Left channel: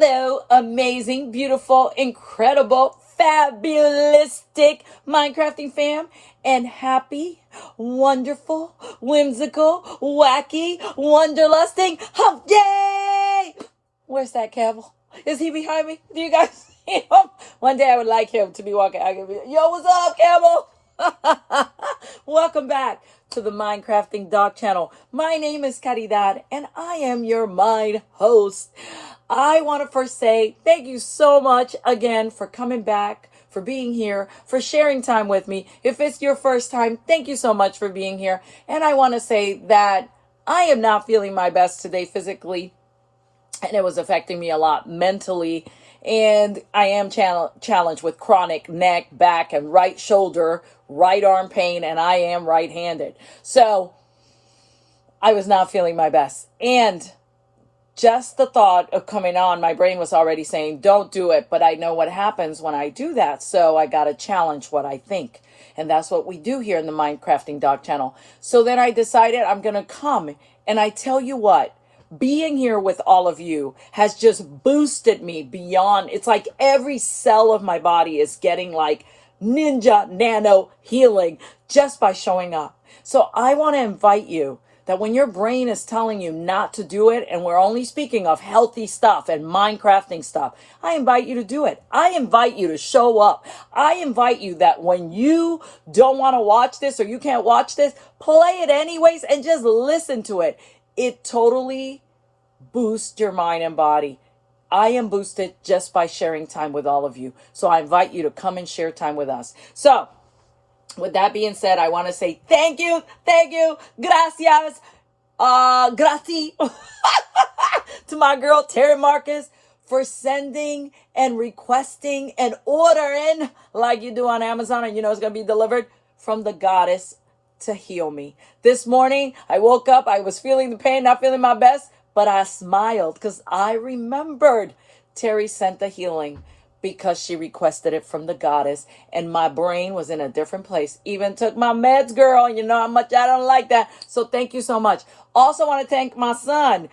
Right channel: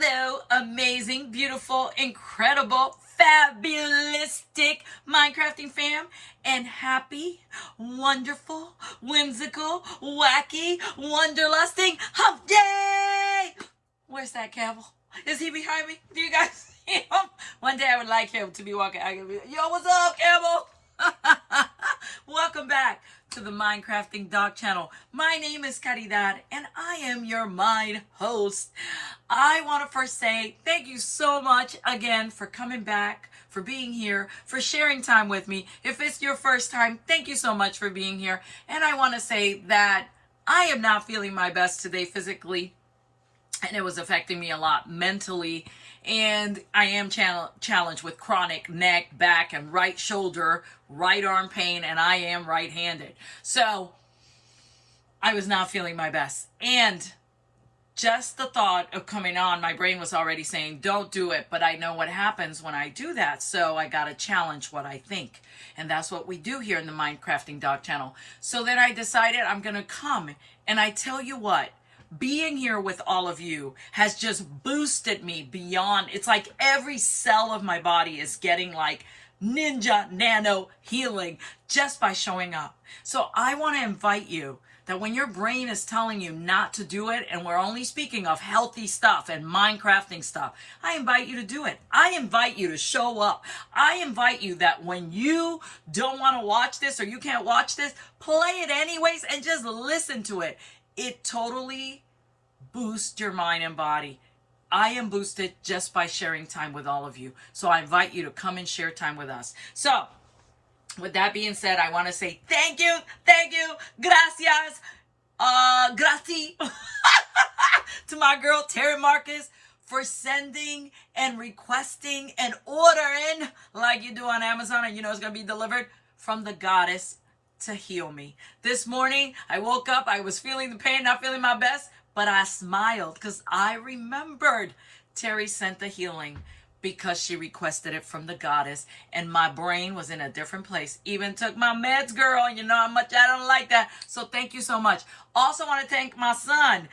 Hello, amazing, beautiful, incredible, fabulistic Minecrafting fam, and happy, wonderful, whimsical, wacky, wanderlusting hump day! Where's that Campbell? Is he behind me? Do you guys see him? One day I would like him to be walking. I could be, yo, what's up, Campbell? Welcome back to the Minecrafting Dog channel. My name is Caridad, and I am your Mind host. I want to first say thank you so much again for coming back, for being here, for sharing time with me. If it's your first time, thank you so much for being here. And I want to say that I am not feeling my best today physically, and it was affecting me a lot mentally. And I am challenged with chronic neck, back, and right shoulder, right arm pain, and I am right-handed. So I was not feeling my best. And just the thought of coming on, my brain was already saying, don't do it. But I know what happens when I do that. So I got to challenge what I think. And that's what we do here in the Minecrafting Dog channel. So then I decided I'm going to come. And I tell you what, being here with all of you has just boosted me beyond. It's like every cell of my body is getting like ninja nano healing just by showing up. So I want to invite you that when your brain is telling you not to do it, and we're only speaking of healthy stuff and Minecrafting stuff, I invite you to do it. I invite you to show up. I invite you that when you don't want to watch this or you can't watch this, play it anyways and just listen to it. It totally boosts your mind and body. I am boosted just by sharing time with all of you. So I invite you to come and share time with us. So with that being said, I want to say thank you, gracias, grazie to my girl Terry Marcus for sending and requesting and ordering like you do on Amazon, and you know it's going to be delivered from the goddess to heal me. This morning, I woke up, I was feeling the pain, not feeling my best, but I smiled because I remembered Terry sent the healing because she requested it from the goddess, and my brain was in a different place. Even took my meds, girl. You know how much I don't like that. So thank you so much. Also want to thank my son,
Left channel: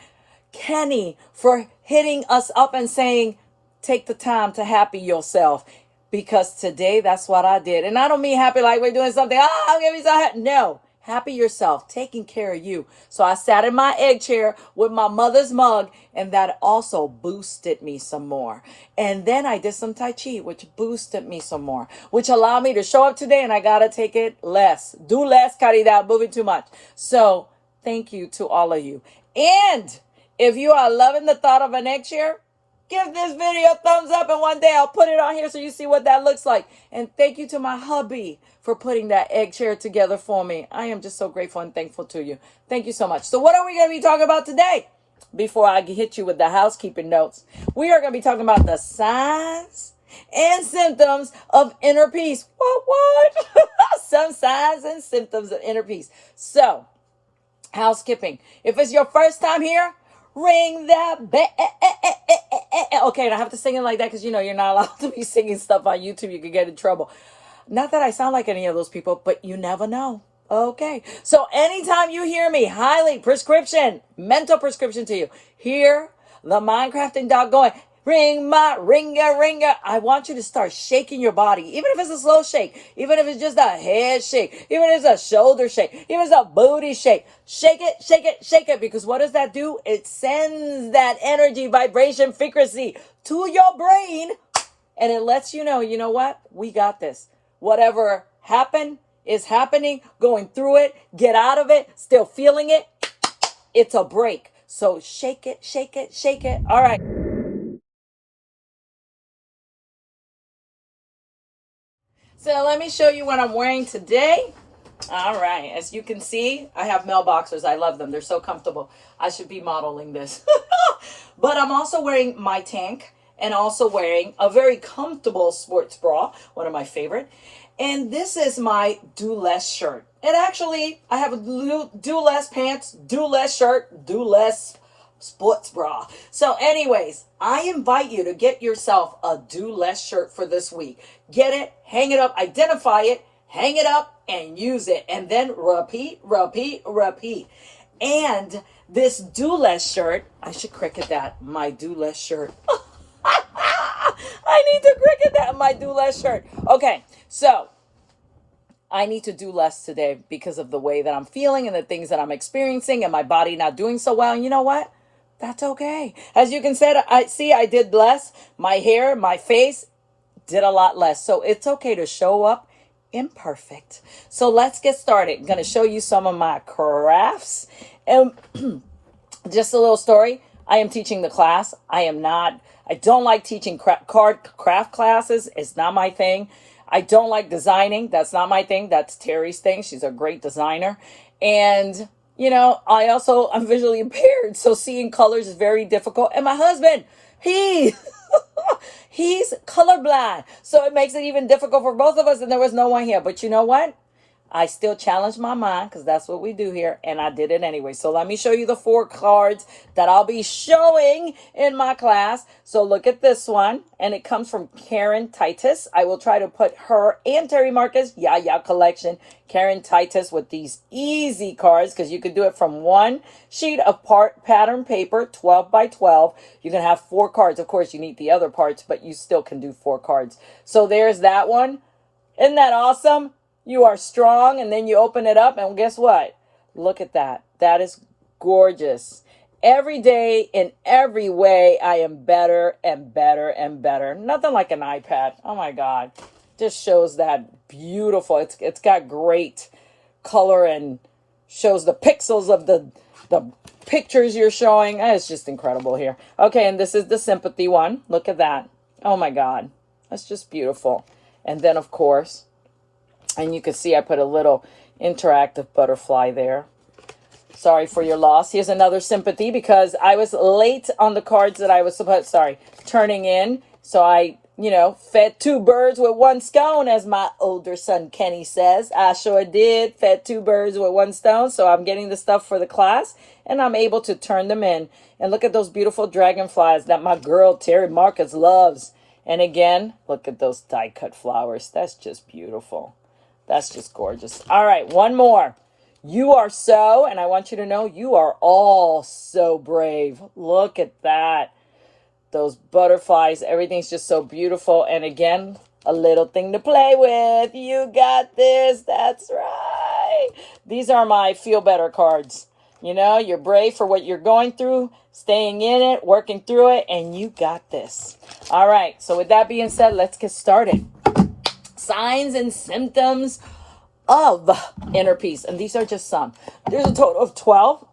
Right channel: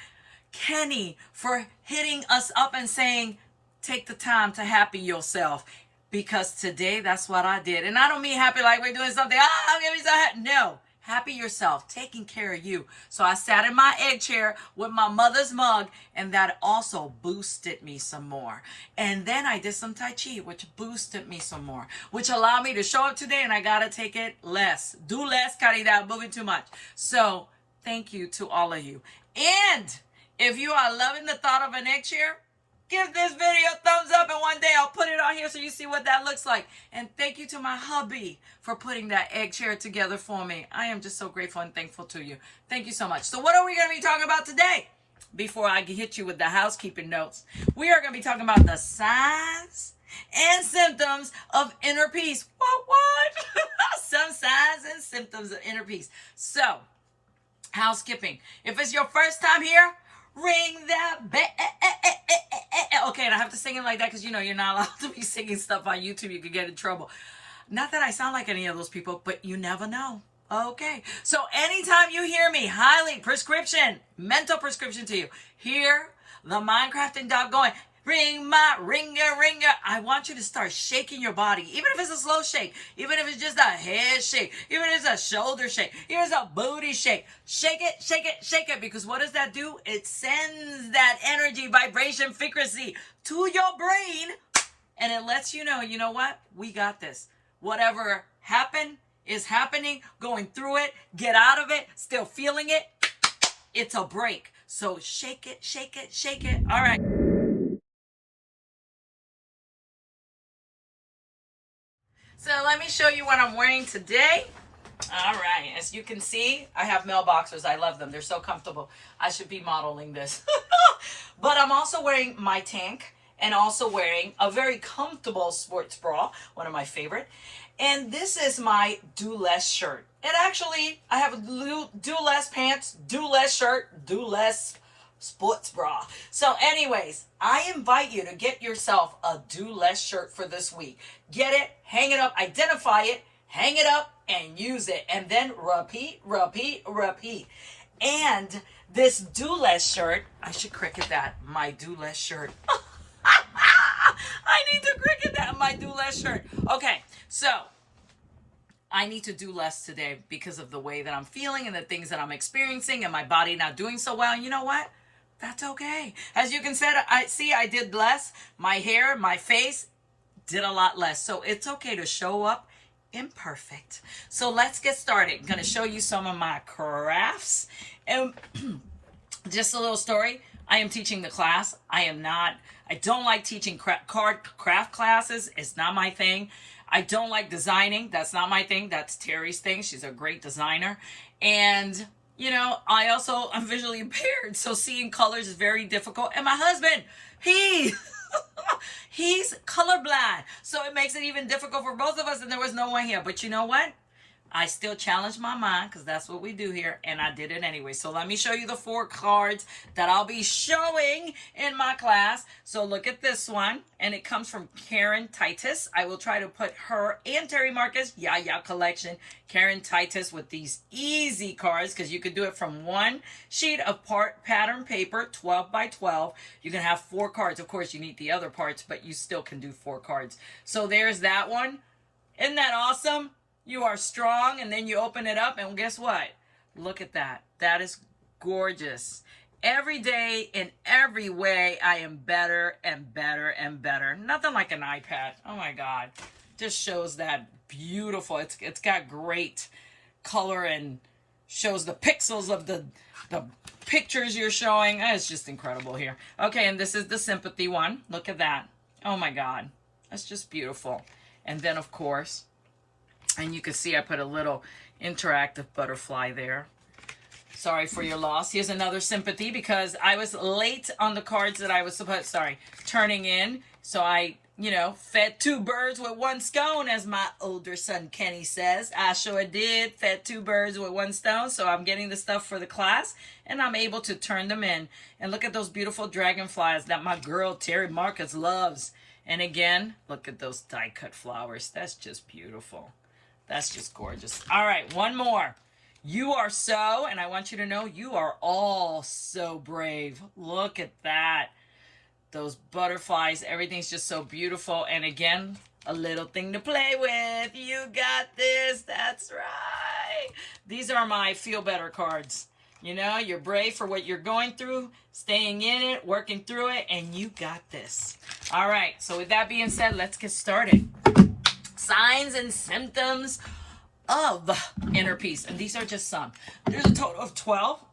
Kenny, for hitting us up and saying, take the time to happy yourself. Because today, that's what I did. And I don't mean happy like we're doing something. I'm going to be so happy. No. Happy yourself, taking care of you. So I sat in my egg chair with my mother's mug, and that also boosted me some more. And then I did some Tai Chi, which boosted me some more, which allowed me to show up today, and I got to take it less. Do less, Caridad, moving too much. So thank you to all of you. And if you are loving the thought of an egg chair, give this video a thumbs up, and one day I'll put it on here so you see what that looks like. And thank you to my hubby for putting that egg chair together for me. I am just so grateful and thankful to you. Thank you so much. So what are we going to be talking about today? Before I hit you with the housekeeping notes, we are going to be talking about the signs and symptoms of inner peace. What? Some signs and symptoms of inner peace. So, housekeeping. If it's your first time here, ring that bell. Okay, and I have to sing it like that because, you know, you're not allowed to be singing stuff on YouTube. You could get in trouble. Not that I sound like any of those people, but you never know. Okay, so anytime you hear me, highly prescription, mental prescription to you, hear the Minecrafting Dog going, ring my ringer, ringer. I want you to start shaking your body, even if it's a slow shake, even if it's just a head shake, even if it's a shoulder shake, even if it's a booty shake. Shake it, shake it, shake it, because what does that do? It sends that energy, vibration, frequency to your brain, and it lets you know what? We got this. Whatever happened is happening, going through it, get out of it, still feeling it. It's a break. So shake it, shake it, shake it. All right. So let me show you what I'm wearing today. All right, as you can see, I have mailboxers. I love them. They're so comfortable. I should be modeling this. But I'm also wearing my tank and also wearing a very comfortable sports bra, one of my favorite. And this is my do less shirt. And actually, I have a do less pants, do less shirt, do less sports bra. So anyways, I invite you to get yourself a do less shirt for this week. Get it, hang it up, identify it, hang it up, and use it. And then repeat, repeat, repeat. And this do less shirt, I should cricket that, my do less shirt. I need to cricket that in my do less shirt. Okay, so I need to do less today because of the way that I'm feeling and the things that I'm experiencing and my body not doing so well. And you know what? That's okay. As you can see, I did less. My hair, my face did a lot less. So it's okay to show up imperfect. So let's get started. I'm going to show you some of my crafts. And just a little story. I am teaching the class. I don't like teaching craft classes. It's not my thing. I don't like designing. That's not my thing. That's Terry's thing. She's a great designer. And, I'm visually impaired. So seeing colors is very difficult. And my husband, he's colorblind. So it makes it even difficult for both of us. And there was no one here. But you know what? I still challenged my mind because that's what we do here, and I did it anyway. So let me show you the 4 cards that I'll be showing in my class. So look at this one, and it comes from Karen Titus. I will try to put her and Terry Marcus collection, Karen Titus, with these easy cards because you could do it from one sheet of pattern paper, 12 by 12. You can have 4 cards. Of course, you need the other parts, but you still can do 4 cards. So there's that one. Isn't that awesome? You are strong, and then you open it up, and guess what? Look at that. That is gorgeous. Every day, in every way, I am better and better and better. Nothing like an iPad. Oh, my God. Just shows that beautiful. It's got great color and shows the pixels of the pictures you're showing. It's just incredible here. Okay, and this is the sympathy one. Look at that. Oh, my God. That's just beautiful. And then, of course, and you can see I put a little interactive butterfly there. Sorry for your loss. Here's another sympathy because I was late on the cards that I was turning in. So I, fed 2 birds with 1 stone, as my older son Kenny says. I sure did. Fed 2 birds with 1 stone. So I'm getting the stuff for the class and I'm able to turn them in. And look at those beautiful dragonflies that my girl Terry Marcus loves. And again, look at those die cut flowers. That's just beautiful. That's just gorgeous. All right, one more. You are so, and I want you to know, you are all so brave. Look at that. Those butterflies, everything's just so beautiful. And again, a little thing to play with. You got this. That's right. These are my feel better cards. You're brave for what you're going through, staying in it, working through it, and you got this. All right, so with that being said, let's get started. Signs and symptoms of inner peace. And these are just some. There's a total of 12.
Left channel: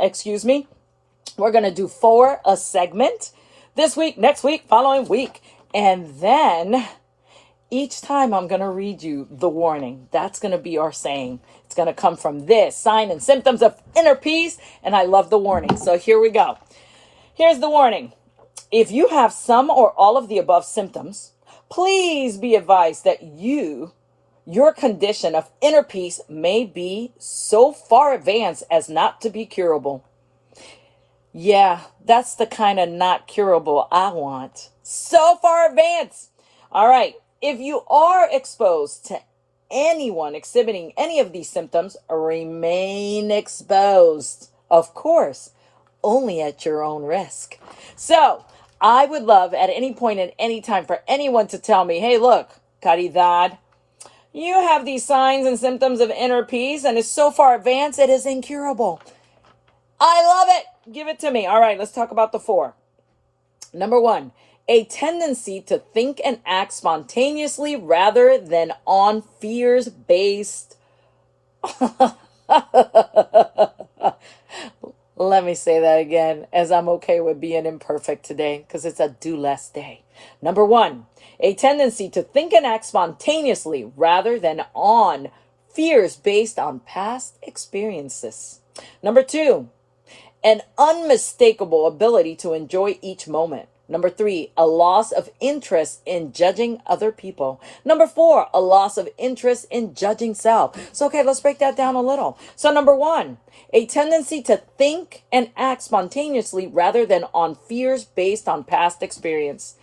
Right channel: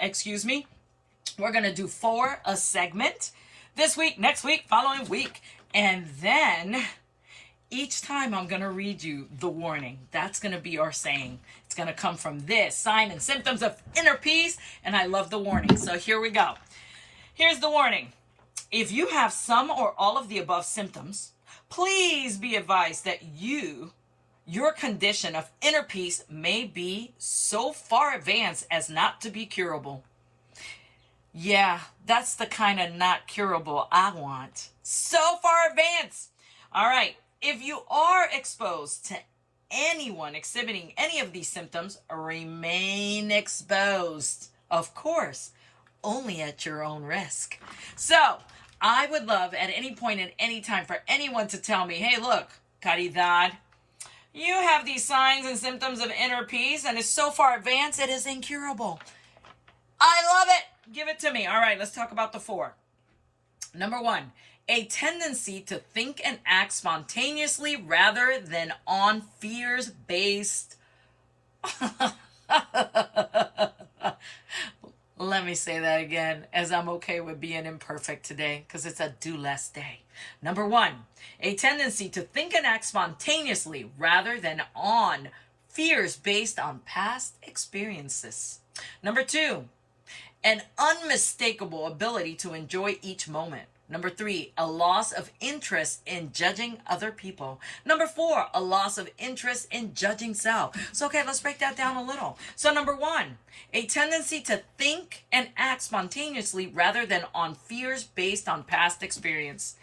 Excuse me. We're going to do 4 a segment this week, next week, following week. And then each time I'm going to read you the warning. That's going to be our saying. It's going to come from this sign and symptoms of inner peace. And I love the warning. So here we go. Here's the warning. If you have some or all of the above symptoms, please be advised that your condition of inner peace may be so far advanced as not to be curable. Yeah, that's the kind of not curable I want. So far advanced. All right. If you are exposed to anyone exhibiting any of these symptoms, remain exposed. Of course, only at your own risk. So, I would love at any point at any time for anyone to tell me, hey, look, Caridad, you have these signs and symptoms of inner peace and it's so far advanced, it is incurable. I love it. Give it to me. All right, let's talk about the 4. Number 1, a tendency to think and act spontaneously rather than on fears-based. Let me say that again, as I'm okay with being imperfect today, because it's a do less day. Number 1, a tendency to think and act spontaneously rather than on fears based on past experiences. Number 2, an unmistakable ability to enjoy each moment. Number 3, a loss of interest in judging other people. Number 4, a loss of interest in judging self. So, okay, let's break that down a little. So, number 1, a tendency to think and act spontaneously rather than on fears based on past experience.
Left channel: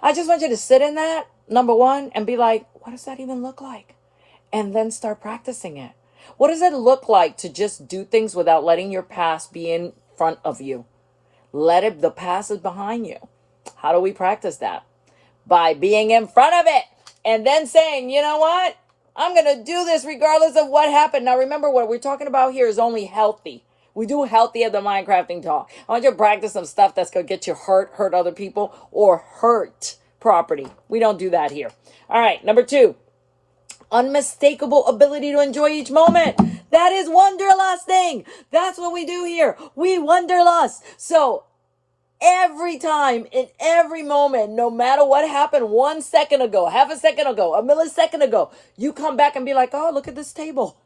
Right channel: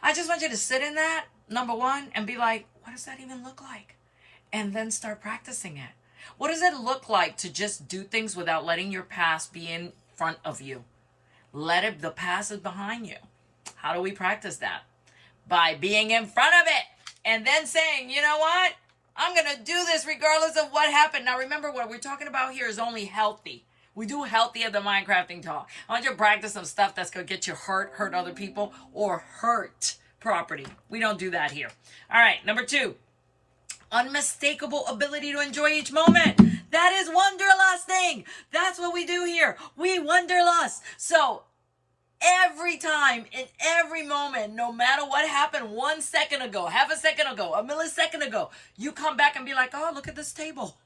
I just want you to sit in that, number 1, and be like, what does that even look like? And then start practicing it. What does it look like to just do things without letting your past be in front of you? The past is behind you. How do we practice that? by being in front of it and then saying, you know what? I'm going to do this regardless of what happened. Now, remember, what we're talking about here is only healthy. We do healthy at the Mindcrafting Talk. I want you to practice some stuff that's going to get you hurt other people, or hurt property. We don't do that here. All right, number 2, unmistakable ability to enjoy each moment. That is wanderlusting. That's what we do here. We wanderlust. So every time, in every moment, no matter what happened 1 second ago, half a second ago, a millisecond ago, you come back and be like, oh, look at this table.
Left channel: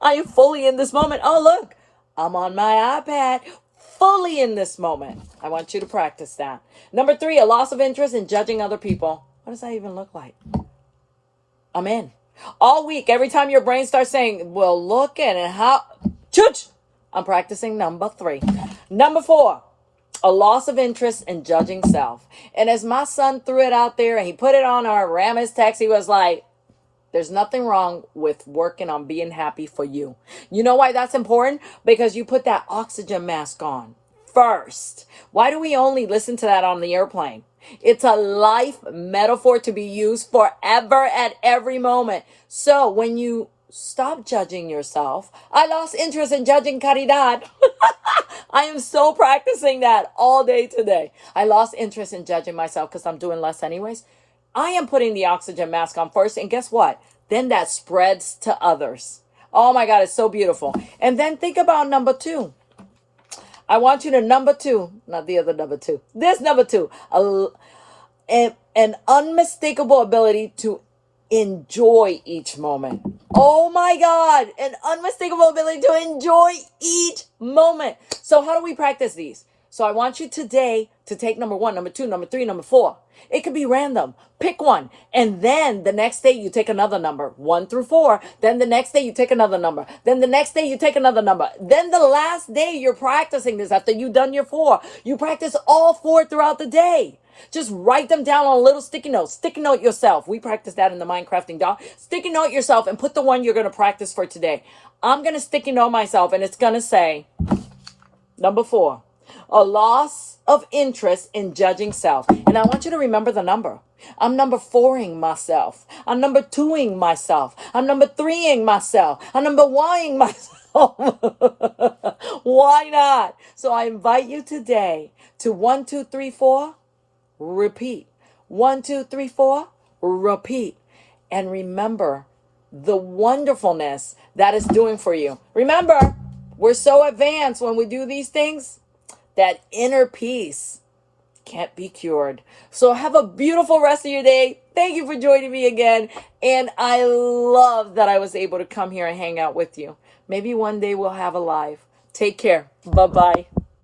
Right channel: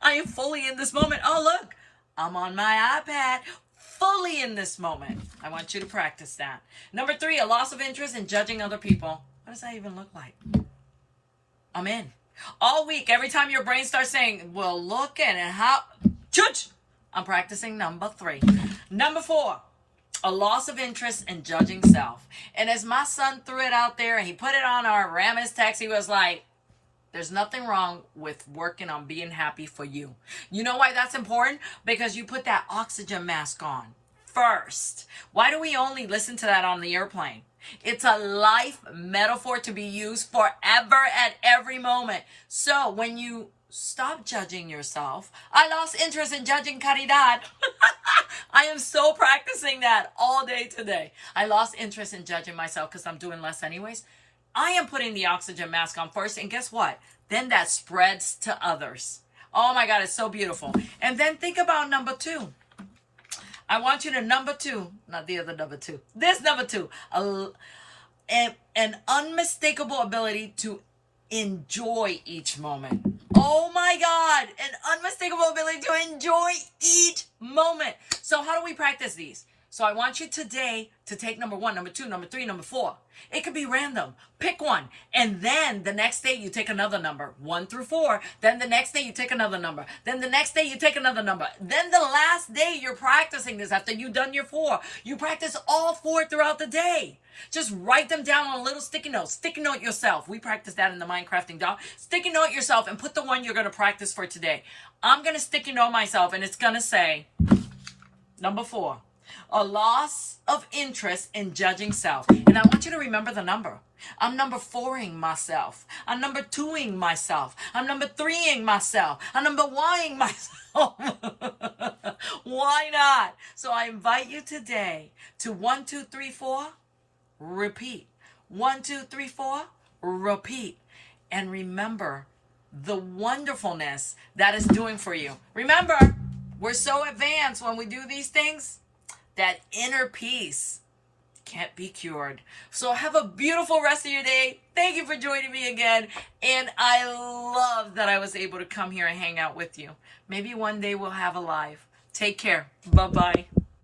I am fully in this moment. Oh, look, I'm on my iPad, fully in this moment. I want you to practice that. Number 3, a loss of interest in judging other people. What does that even look like? I'm in. All week, every time your brain starts saying, well, look at it, how, chooch, I'm practicing number 3. Number 4, a loss of interest in judging self. And as my son threw it out there and he put it on our Ramis text, he was like, there's nothing wrong with working on being happy for you. You know why that's important? Because you put that oxygen mask on first. Why do we only listen to that on the airplane? It's a life metaphor to be used forever at every moment. So when you stop judging yourself, I lost interest in judging caridad. I am so practicing that all day today. I lost interest in judging myself because I'm doing less anyways. I am putting the oxygen mask on first, and guess what? Then that spreads to others. Oh my God, it's so beautiful. And then think about number 2. I want you to number 2, not the other number 2. This number 2, an unmistakable ability to enjoy each moment. Oh my God, an unmistakable ability to enjoy each moment. So how do we practice these? So I want you today to take number 1, number 2, number 3, number 4. It could be random. Pick one. And then the next day you take another number, 1 through 4. Then the next day you take another number. Then the next day you take another number. Then the last day you're practicing this after you've done your 4. You practice all 4 throughout the day. Just write them down on a little sticky note. Sticky note yourself. We practice that in the Mindcrafting Doll. Sticky note yourself and put the one you're going to practice for today. I'm going to sticky note myself, and it's going to say, number 4, a loss of interest in judging self. And I want you to remember the number. I'm number 4ing myself. I'm number 2ing myself. I'm number 3ing myself. I'm number 1ing myself. Why not? So I invite you today to 1, 2, 3, 4. Repeat. 1, 2, 3, 4. Repeat. And remember the wonderfulness that is doing for you. Remember, we're so advanced when we do these things. That inner peace can't be cured. So have a beautiful rest of your day. Thank you for joining me again. And I love that I was able to come here and hang out with you. Maybe one day we'll have a live. Take care. Bye-bye.